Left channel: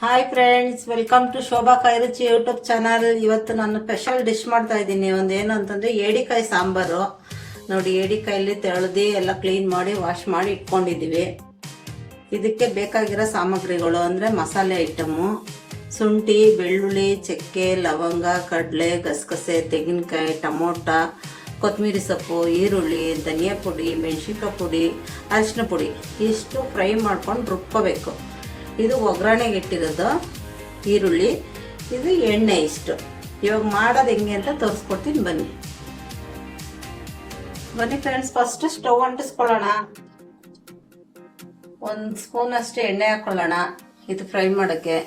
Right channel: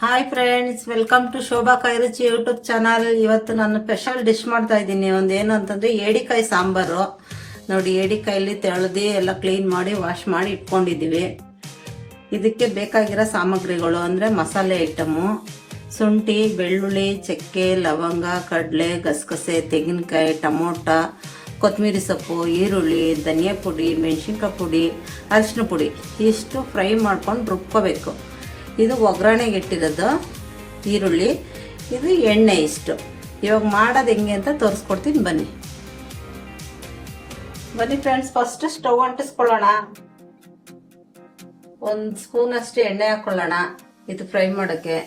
Hi friends, welcome to Shobha Kairuchi YouTube channel. ಇವತ್ತು ನಾನು special dish ಮಾಡ್ತಾ ಇದ್ದೀನಿ. ಏನು ಅಂತಂದ್ರೆ ಏಡಿಕಾಯಿ ಸಾಂಬಾರು. ನೋಡಿ, ಏಡಿಕಾಯಲ್ಲಿ ತೆಳೆದು ಎಲ್ಲ ಕ್ಲೀನ್ ಮಾಡಿ ವಾಶ್ ಮಾಡಿ ಇಟ್ಕೊಂಡಿದ್ದೀವಿ. ಇದಕ್ಕೆ ಬೇಕಾಗಿರೋ ಸಾಮಗ್ರಿಗಳು ಅಂದರೆ ಮಸಾಲೆ ಐಟಮು: ಶುಂಠಿ, ಬೆಳ್ಳುಳ್ಳಿ, ಚಕ್ಕೆ, ಲವಂಗ, ಕಡಲೆ, ಗಸಗಸೆ, ತೆಂಗಿನಕಾಯಿ, ಟೊಮೊಟೊ, ಕೊತ್ತಂಬರಿ ಸೊಪ್ಪು, ಈರುಳ್ಳಿ, ಧನಿಯಾ ಪುಡಿ, ಮೆಣಸಿನ್ಕಾಯಿ ಪುಡಿ, ಅರಿಶಿನ ಪುಡಿ. ಇಷ್ಟು ಫ್ರೈ ಮಾಡ್ಕೊಂಡು ರುಬ್ಕೋಬೇಕು. ಇದು ಒಗ್ಗರಣೆಗೆ ಇಟ್ಟಿರೋದು ಈರುಳ್ಳಿ, ಇದು ಎಣ್ಣೆ. ಇಷ್ಟು ಇವಾಗ ಮಾಡೋದು ಹೆಂಗೆ ಅಂತ ತೋರಿಸ್ಕೊಡ್ತೀನಿ, ಬನ್ನಿ ಫ್ರೆಂಡ್ಸ್. ಫಸ್ಟ್ ಸ್ಟವ್ ಅಂಟಿಸ್ಕೊಳ್ಳೋಣ. 1 ಸ್ಪೂನ್ ಅಷ್ಟು ಎಣ್ಣೆ ಹಾಕೊಳ್ಳೋಣ. ಇದು ಫ್ರೈ ಮಾಡೋಕ್ಕೆ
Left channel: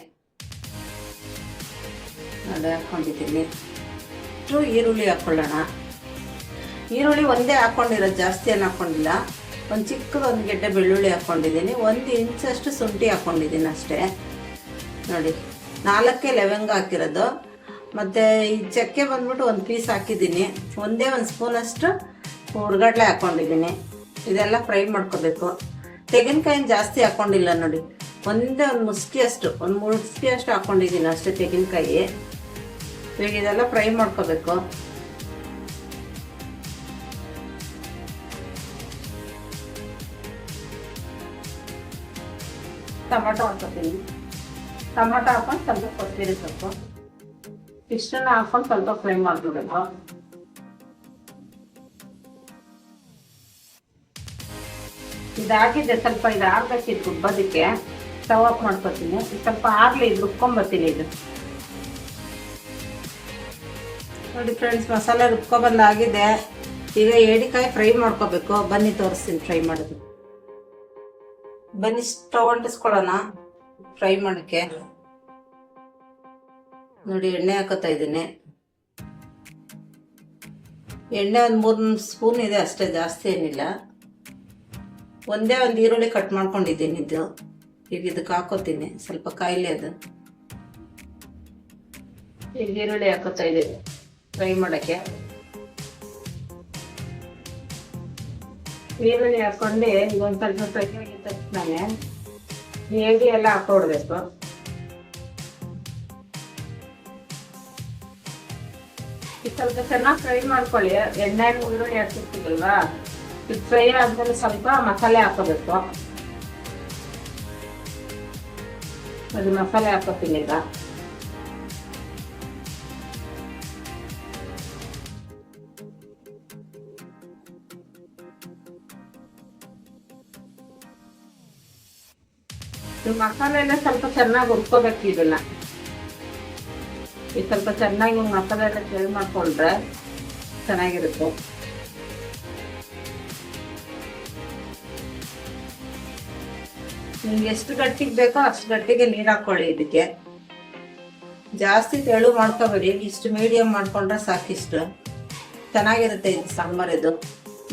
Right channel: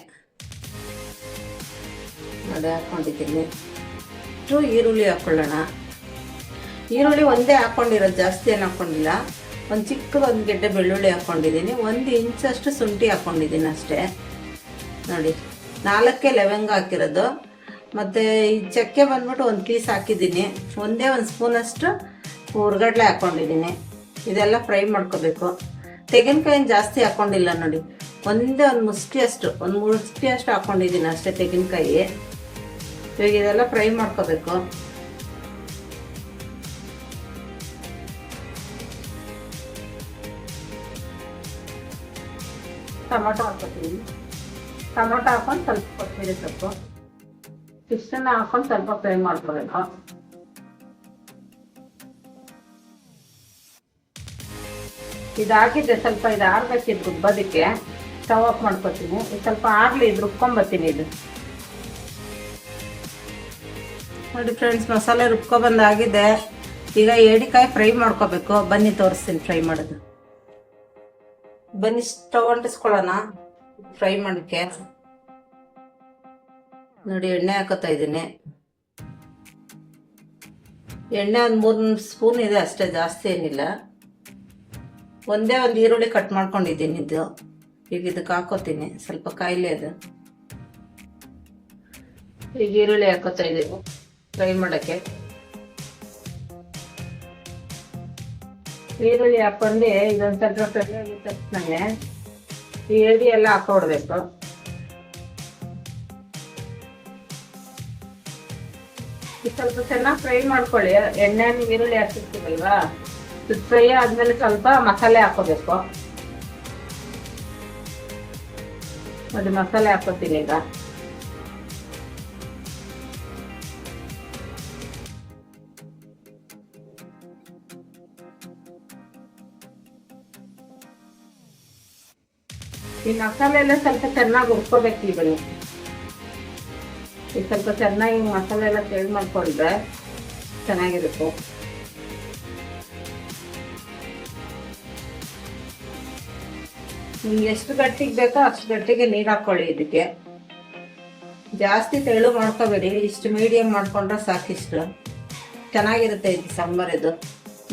ನೋಡಿ ಹಾಕೊಂಡಿದ್ದೀನಿ. ಈರುಳ್ಳಿ ಹಾಕೊಳ್ಳೋಣ. ಈರುಳ್ಳಿ ಒಂದೇ ಹಾಕೊಂಡಿರೋದು, ಜಾಸ್ತಿ ಏನು ಹಾಕೊಂಡಿಲ್ಲ. ಒಂದು ಚಿಕ್ಕದೊಂದು ಗೆಡ್ಡೆ ಬೆಳ್ಳುಳ್ಳಿ ಹಾಕ್ಕೊಂಡಿದ್ದೀನಿ. 1 ಇಂಚಷ್ಟು ಶುಂಠಿ ಹಾಕ್ಕೊಂಡಿದ್ದೀನಿ ಅಷ್ಟೇ. ನೋಡಿ, 4 ಲವಂಗ ಹಾಕಿರೋದು. ಮತ್ತು ಈ ಚಕ್ಕೆ ಬಂದ್ಬಿಟ್ಟು 1 ಪೀಸ್ ಹಾಕಿದ್ದೀನಿ. ಒಂದೇ 1 ಸ್ಪೂನಷ್ಟು ಹುರ್ಗಡ್ಲೆ ಹಾಕ್ಕೊಂಡಿದ್ದೀನಿ. ಇದೆಲ್ಲ ಫ್ರೈ ಮಾಡ್ಕೋಬೇಕು. ತೆಂಗಿನಕಾಯಿನ ಜಾಸ್ತಿ ಹಾಕ್ಕೊಂಡಿಲ್ಲ. ನೋಡಿ, ಒಂದೇ 1 ಮುಷ್ಟಿಯಷ್ಟು, 1 ಮುಷ್ಟಿಯಷ್ಟು ಹಾಕ್ಕೊಂಡಿದ್ದೀನಿ ಅಷ್ಟೇ ತೆಂಗಿನಕಾಯಿ. ಇವಾಗ ಇದೆಲ್ಲ ಫ್ರೈ ಮಾಡ್ಕೋಬೇಕು. ಟೊಮೊಟೊ ಹಾಕ್ಕೊತೀನಿ. ಟೊಮೊಟೊ ಹಾಕೊಂಡು ಸ್ವಲ್ಪ ಕೊತ್ತಂಬರಿ ಸೊಪ್ಪು ಇಷ್ಟನ್ನು ಹಾಕೊಂಡು ಸ್ವಲ್ಪ ಫ್ರೈ ಮಾಡ್ಕೋಬೇಕು. ಇದಾಗಿದೆ, ಸ್ವಲ್ಪ ಇದು ಆರ್ಬೇಕಿದ್ದು ರುಬ್ಬೋದಕ್ಕೆ. ಸ್ಟವ್ ಆಫ್ ಮಾಡ್ಕೊತೀನಿ. ಇದು ಸ್ವಲ್ಪ ಆಗಲಿ, ಇದು ರುಬ್ಕೊಂಬರ್ತೀನಿ. ಇದು ನೋಡಿ ಫ್ರೆಂಡ್ಸ್, ಮಸಾಲೆ ರುಬ್ಕೊಬಂದಾಗಿದೆ. ಈಗ ಏಡಿಕಾಯಿ ಫ್ರೈ ಮಾಡ್ಕೋಬೇಕು. ಬನ್ನಿ ತೋರಿಸ್ತೀನಿ ಫ್ರೈ ಮಾಡೋದು. ಬನ್ನಿ, ಸ್ಟವ್ ಅಂಟಿಸ್ಕೊಳ್ಳೋಣ ಫ್ರೈ ಮಾಡೋಕ್ಕೆ. ನೋಡಿ, ಎಣ್ಣೆ ಹಾಕೋತಾ ಇದ್ದೀನಿ. ಎಣ್ಣೆ 3 ಸ್ಪೂನ್ ಇದೆ ಅಷ್ಟೇ, ಜಾಸ್ತಿ ಏನಿಲ್ಲ. ಒಂದೇ 1 ಈರುಳ್ಳಿ ಕಟ್ ಮಾಡ್ಕೊಂಡಿದ್ದೀನಿ. ಇದು ಈಗ ಇದಕ್ಕೆ ಹಾಕೋತೀನಿ. ಸ್ವಲ್ಪ ಕಾಯಿಲೆ ಅದು. ಈಗ ಈರುಳ್ಳಿ ಹಾಕೋತಾ ಇದ್ದೀನಿ ಫ್ರೈ ಮಾಡೋಕ್ಕೆ. ಈರುಳ್ಳಿ ಹಾಕೊಂಡು ಇದೊಂದು ಸ್ವಲ್ಪ ಫ್ರೈ ಆಗಿದ ತಕ್ಷಣ ಏಡಿ ಎಲ್ಲ ಹಾಕೊಡ್ಬೇಕು. ಇದು ಸ್ವಲ್ಪ ಚೆನ್ನಾಗಿ ಫ್ರೈ ಮಾಡ್ಕೊಳ್ಳಿ. ಎಣ್ಣೆ ಈರುಳ್ಳಿ ಹಾಕಿರ್ತೀವಲ್ವಾ, ಇದು ಫ್ರೈ ಆದ್ಮೇಲೆ ಸ್ವಲ್ಪ ಮಸಾಲೆ ಹಾಕೋಬೇಕು. ಅದು ಮಸಾಲೆ ಹಾಕೋತೀನಿ ಈಗ. ಈ ಮಸಾಲೆ ಎಲ್ಲ ಸ್ವಲ್ಪ ಚೆನ್ನಾಗಿ ಹುರ್ಕೋಬೇಕು. ಇದನ್ನ ಈಗ ಸ್ವಲ್ಪ ಚೆನ್ನಾಗಿ ಮಸಾಲೆ ಎಲ್ಲ ಫ್ರೈ ಮಾಡ್ಕೊಂಡ್ರೆ ಚೆನ್ನಾಗಿರುತ್ತೆ. ನಿಮ್ಗೆ ಎಷ್ಟು ಗಟ್ಟಿಗೆ ಬೇಕೋ ಅಷ್ಟು ಗಟ್ಟಿಗೆ ನೀರು ಹಾಕೊಳ್ಳಿ. ಇದಕ್ಕೆ ಜಾಸ್ತಿ ತೆಳು ಮಾಡ್ಕೋಬೇಡಿ, ಇಷ್ಟು ಮೀಡಿಯಂ ಮಾಡ್ಕೊಂಡ್ರೆ ಸಾಕಿಷ್ಟು ಚೆನ್ನಾಗಿರುತ್ತೆ ಇದು ಸಾಂಬಾರು. ಇದು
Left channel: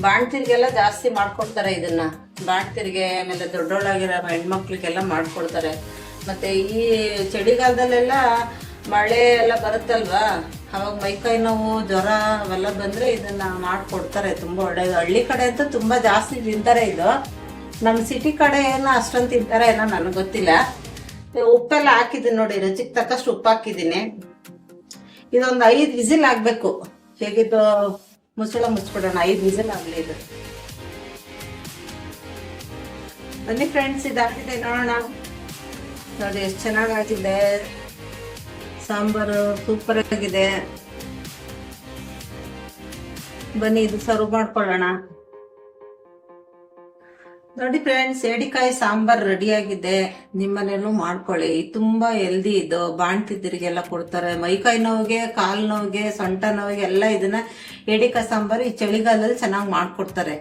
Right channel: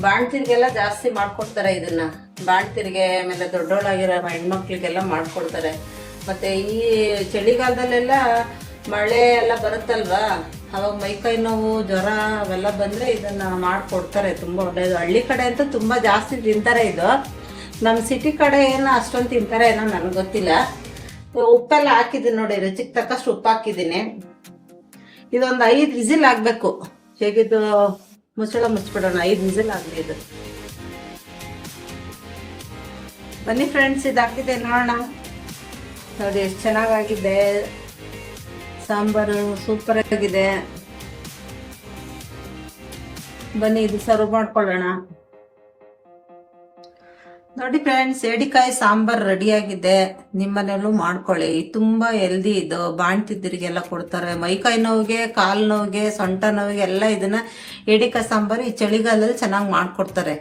ಬಾಣ್ತಿರಿಗೆಲ್ಲ ಜಾಸ್ತಿ ಮಾಡ್ಕೊಡ್ತಾರೆ ಇದನ್ನ. ಬಾಣ್ತಿರಿಗೆ ಆಮೇಲೆ ದೊಡ್ಡೋಳಾಗಿರೋ ಹೆಣ್ಮಕ್ಳಿಗೆಲ್ಲ ಮಾಡ್ಕೊಡ್ತಾರೆ. ಮತ್ತು ಈ ಚಳಿಗಾಲದಲ್ಲೆಲ್ಲ ಮಳೆ ಎಲ್ಲ ಬರುತ್ತಲ್ವಾ, ಅವಾಗ ಮೈಕೈ ನೋವು, ಜ್ವರ ಅವೆಲ್ಲ ಬಂದರೆ ಇದನ್ನು ಮಾಡಿಕೊಡ್ತಾರೆ. ತುಂಬ ಒಳ್ಳೆಯದು. ಹಳ್ಳಿ ಕಡೆ ಅಂತೂ ತುಂಬ ಜಾಸ್ತಿ ತಿಂತಾರೆ ಇದು. ನಮ್ಮ ಸಿಟಿ ಕಡೆ ಏನೋ ಅಷ್ಟೊಂದು ತಿಂತಾರೆ ಏನೋ ನನಗೆ ಗೊತ್ತಿಲ್ಲ. ಉಪ್ಪೆಲ್ಲ ಹಾಕಿದ್ದೀನಿ ನೋಡಿ, ರುಚಿಗೆ ತಕ್ಕಷ್ಟು ಉಪ್ಪು ಹಾಕಿದ್ದೀನಿ. ಇದೊಂದು 5 ವಿಸಿಲ್ ಆಗಬೇಕು. ಹೇಗಿದ್ದು ಮುಚ್ಚಳ ಮುಚ್ಚಿಬಿಡೋಣ. 5 ವಿಸಿಲ್ ಆಗಲಿ ಇದು. ಬನ್ನಿ ಫ್ರೆಂಡ್ಸ್, ಇದಾಗಿದೆ ನೋಡೋಣ. ನೋಡಿ ಎಷ್ಟು ಚೆನ್ನಾಗಾಗಿದೆ ಸಾಂಬಾರು, ಸೂಪರ್ ಆಗಿದೆ. ಬನ್ನಿ ಇದು ಸರ್ವ್ ಮಾಡ್ಕೊಳ್ಳೋಣ. ನೋಡಿ ಫ್ರೆಂಡ್ಸ್, ಏಡಿಕಾಯಿ ಸಾಂಬಾರು ರೆಡಿಯಾಗಿದೆ. ನಿಮ್ಮನೆಯಲ್ಲೂ ಮಾಡ್ಕೊಳ್ಳಿ. ತುಂಬ ಹೆಲ್ದಿ ಇದು. ಬಾಣ್ತಿದ್ದರಿಗೆಲ್ಲ ಕೊಡ್ತಾರೆ. ಮೈಕೈ ನೋವಿಗೆ, ಕಾಲು ನೋವಿಗೆ, ಸೊಂಟ ನೋವಿಗೆ ಎಲ್ಲ ಇದನ್ನು ಏಡಿಕಾಯಿ ಸಾಂಬಾರು ಈ ಚಳಿಗಾಲದಲ್ಲಿ ಚೆನ್ನಾಗಿ ಮಾಡಿಕೊಡ್ತಾರೆ.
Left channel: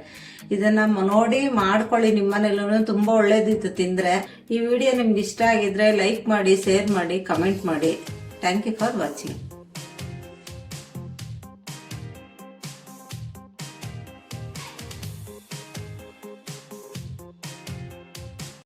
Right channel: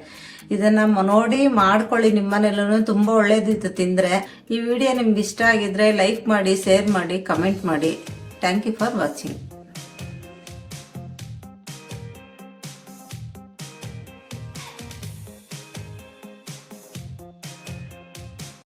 ಇದನ್ನು ನೋಡಿ ಮಾಡ್ಕೊಳ್ಳಿ. ನಿಮ್ಮನೆಯಲ್ಲೂ ತುಂಬ ಒಳ್ಳೇದಿತ್ತು ತಿಂದರೆ. ಈ ವಿಡಿಯೋ ನಿಮ್ಗೆ ಇಷ್ಟ ಆಗಿದ್ರೆ ಲೈಕ್ ಮಾಡಿ, ಶೇರ್ ಮಾಡಿ, ಕಮೆಂಟ್ ಮಾಡಿ. Thank you for watching.